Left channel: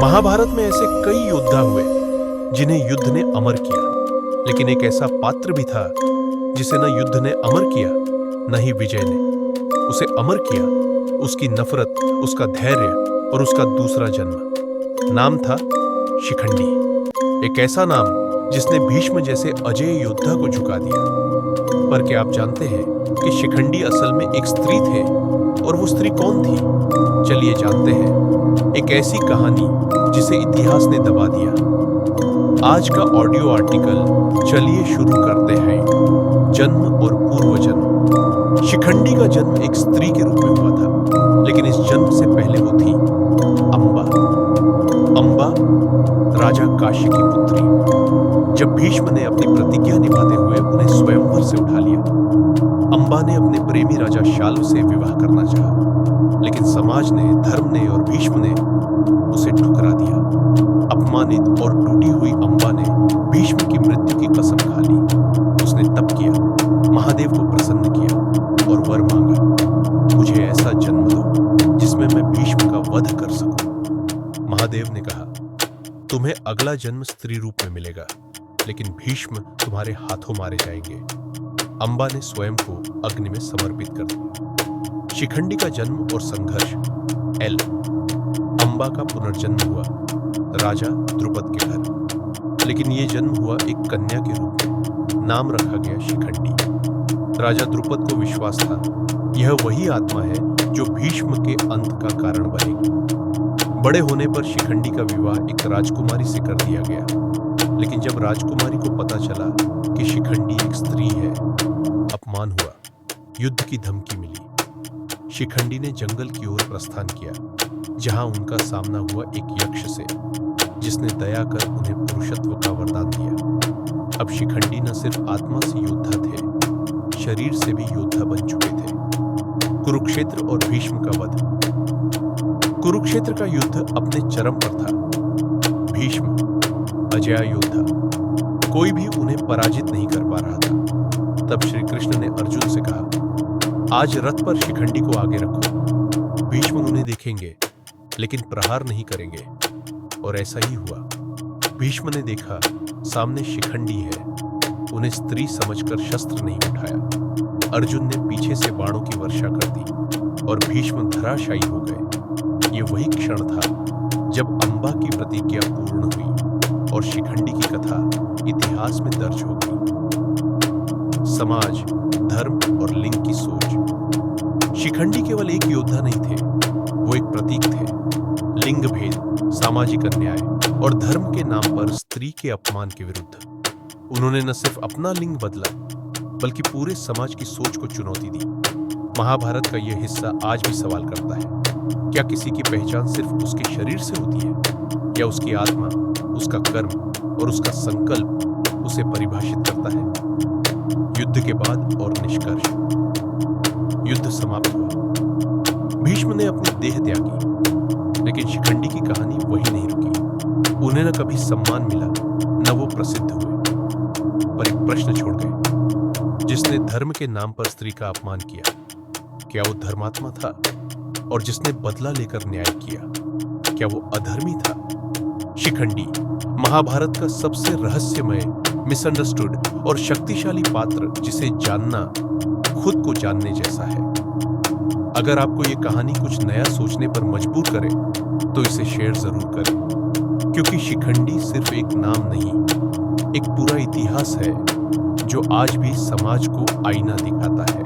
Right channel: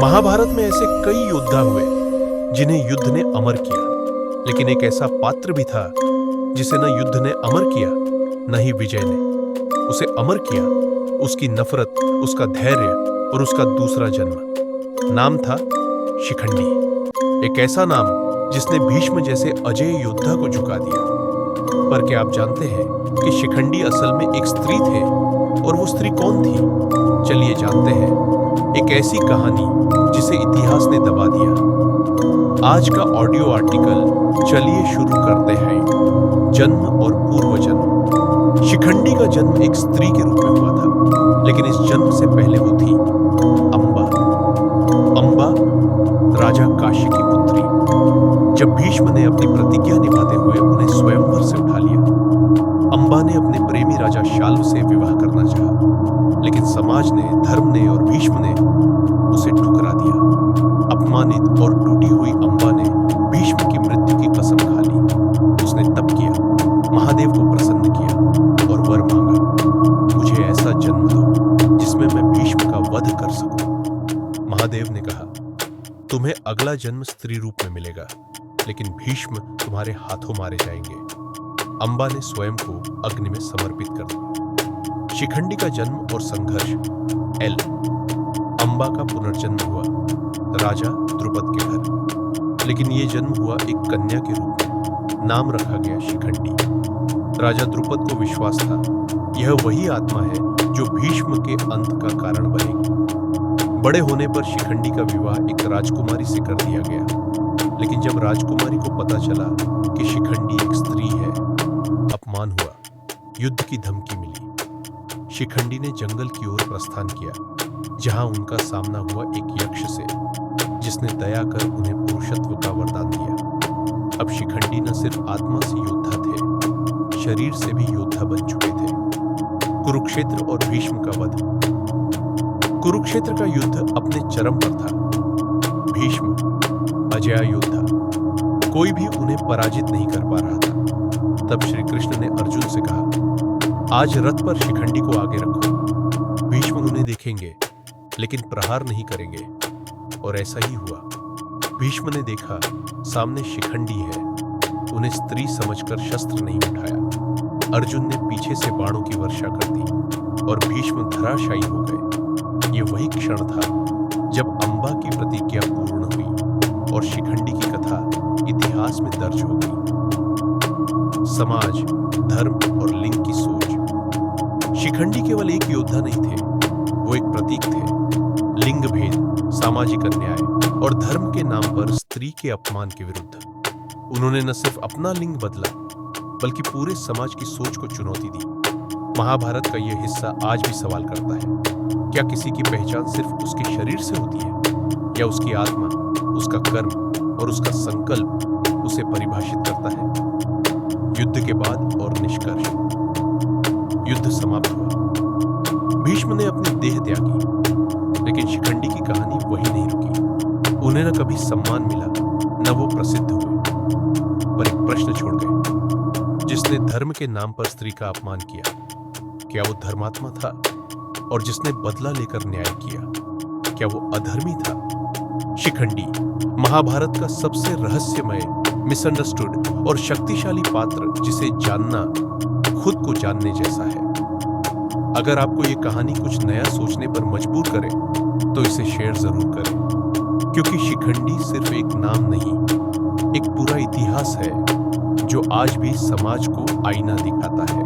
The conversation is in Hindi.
महाभारत में ऐसे कई योद्धा हुए जिन्हें युद्ध ने अमर किया, लेकिन एक ऐसा पात्र भी था जिसे न युद्ध ने अमर किया न ही विजय ने। उसे अमर किया उसकी नफरत, उसका धैर्य और उसका दूसरा जन्म। नाम था शिखंडी। एक ऐसा नाम जिसने भीष्म जैसे अजेय योद्धा को झुका दिया। पर क्या आप जानते हैं कि शिखंडी असल में एक स्त्री थे? और वो स्त्री कौन थी? चलिए जानते हैं एक ऐसी कहानी जिसे इतिहास ने दबा दिया। आज का ऑडियो आर्टिकल चलिए शुरू करते हैं। जन्म और पूर्व जन्म। शिखंडी का जन्म एक स्त्री के रूप में हुआ था, लेकिन इस जन्म से पहले वो थी अंबा। अंबा राजा काशी की पुत्री। जब भीष्म ने अपनी प्रतिज्ञा निभाते हुए उन्हें स्वयंवर से उठा लिया, अंबा ने अपने प्रेमी राजा शाल्व से विवाह करना चाहा, लेकिन समाज ने, धर्म ने और भीष्म ने उसे ठुकरा दिया। अपमानित और टूटी हुई अंबा ने भीष्म की मृत्यु की कसम खा ली। उसने तप किया, महादेव को प्रसन्न किया और वर मांगा, मुझे ऐसा जन्म दो जिसमें मैं भीष्म का वध कर सकूं। महादेव ने कहा, तुम्हें अगला जन्म स्त्री रूप में मिलेगा, लेकिन भीष्म तुम्हारे हाथों मारे जाएंगे। अंबा ने स्वयं को अग्नि में समर्पित कर दिया। शिखंडी का जन्म और संघर्ष। एल अंबा का पुनर्जन्म हुआ राजा द्रुपद के घर, लेकिन यह जन्म हुआ एक कन्या के रूप में। नाम रखा गया शिखंडी। राजा द्रुपद को विश्वास था यह वही आत्मा है जो भीष्म के अंत का कारण बनेगी। बड़े होने पर शिखंडी का विवाह एक राजकुमारी से कर दिया गया, लेकिन जब राजकुमारी को पता चला कि शिखंडी एक स्त्री है, अपमान हुआ, युद्ध की धमकी मिली। शिखंडी ने जंगल की ओर प्रस्थान किया, जहां उनका सामना हुआ एक यक्ष से, जिसने दया कर उन्हें पुरुषत्व का वरदान दिया। अब शिखंडी न सिर्फ आत्मा से योद्धा थे, शरीर से भी योद्धा बन चुके थे। कुरुक्षेत्र और भीष्म का वध। कुरुक्षेत्र का युद्ध अपने चरम पर था। भीष्म अजेय योद्धा, कोई भी उन्हें पराजित नहीं कर पा रहा था। तब श्री कृष्ण ने अर्जुन से कहा, आज रथ पर शिखंडी को आगे रखो। भीष्म उन्हें देखेंगे लेकिन प्रहार नहीं करेंगे। और ऐसा ही हुआ। भीष्म ने देखा सामने शिखंडी है, उन्हें स्त्री समझकर शस्त्र नहीं उठाया। अर्जुन ने पीछे से बाणों की वर्षा कर दी और भीष्म धराशायी हो गए। ये वही क्षण था जब अंबा की प्रतिज्ञा पूर्ण हुई और शिखंडी की कथा इतिहास में दर्ज हो गई। समाज, धर्म और लिंग की सोच। शिखंडी केवल एक योद्धा नहीं थे, वो एक प्रतीक थे। लिंग भेद, सामाजिक अन्याय और धर्म के नाम पर स्त्री के अपमान के विरुद्ध उन्होंने न सिर्फ अपना लिंग बदला, बल्कि पूरे समाज की सोच को चुनौती दी। महाभारत का यह हिस्सा आज भी सवाल करता है, क्या किसी की पहचान सिर्फ उसके शरीर से होती है, या उसकी आत्मा, उसका कर्म और उसका संकल्प उसे परिभाषित करता है? युद्ध के बाद और निष्कर्ष। युद्ध समाप्त हुआ। भीष्म ने अपनी देह त्यागी, लेकिन शिखंडी की कहानी वही नहीं रुकी। उन्हें न कभी सम्मान मिला, न वो प्रसिद्ध हुए, पर एक प्रश्न छोड़ गए, जिसने धर्म के नाम पर स्त्री का अपमान किया, क्या वो धर्मात्मा था? और जिसने बदला लेकर न्याय किया, क्या वो अधर्मी था? शिखंडी महाभारत का सबसे रहस्यमय, मिसअंडरस्टूड और शक्तिशाली पात्र, जिसे जानना खुद को जानने जैसा है। अगर आपको ये कहानी कुछ नया सोचने पर मजबूर करे, तो इसे शेयर जरूर करें, क्योंकि शिखंडी सिर्फ एक नाम नहीं, एक पूरा इतिहास है जो आज भी समाज को आईना दिखाता है।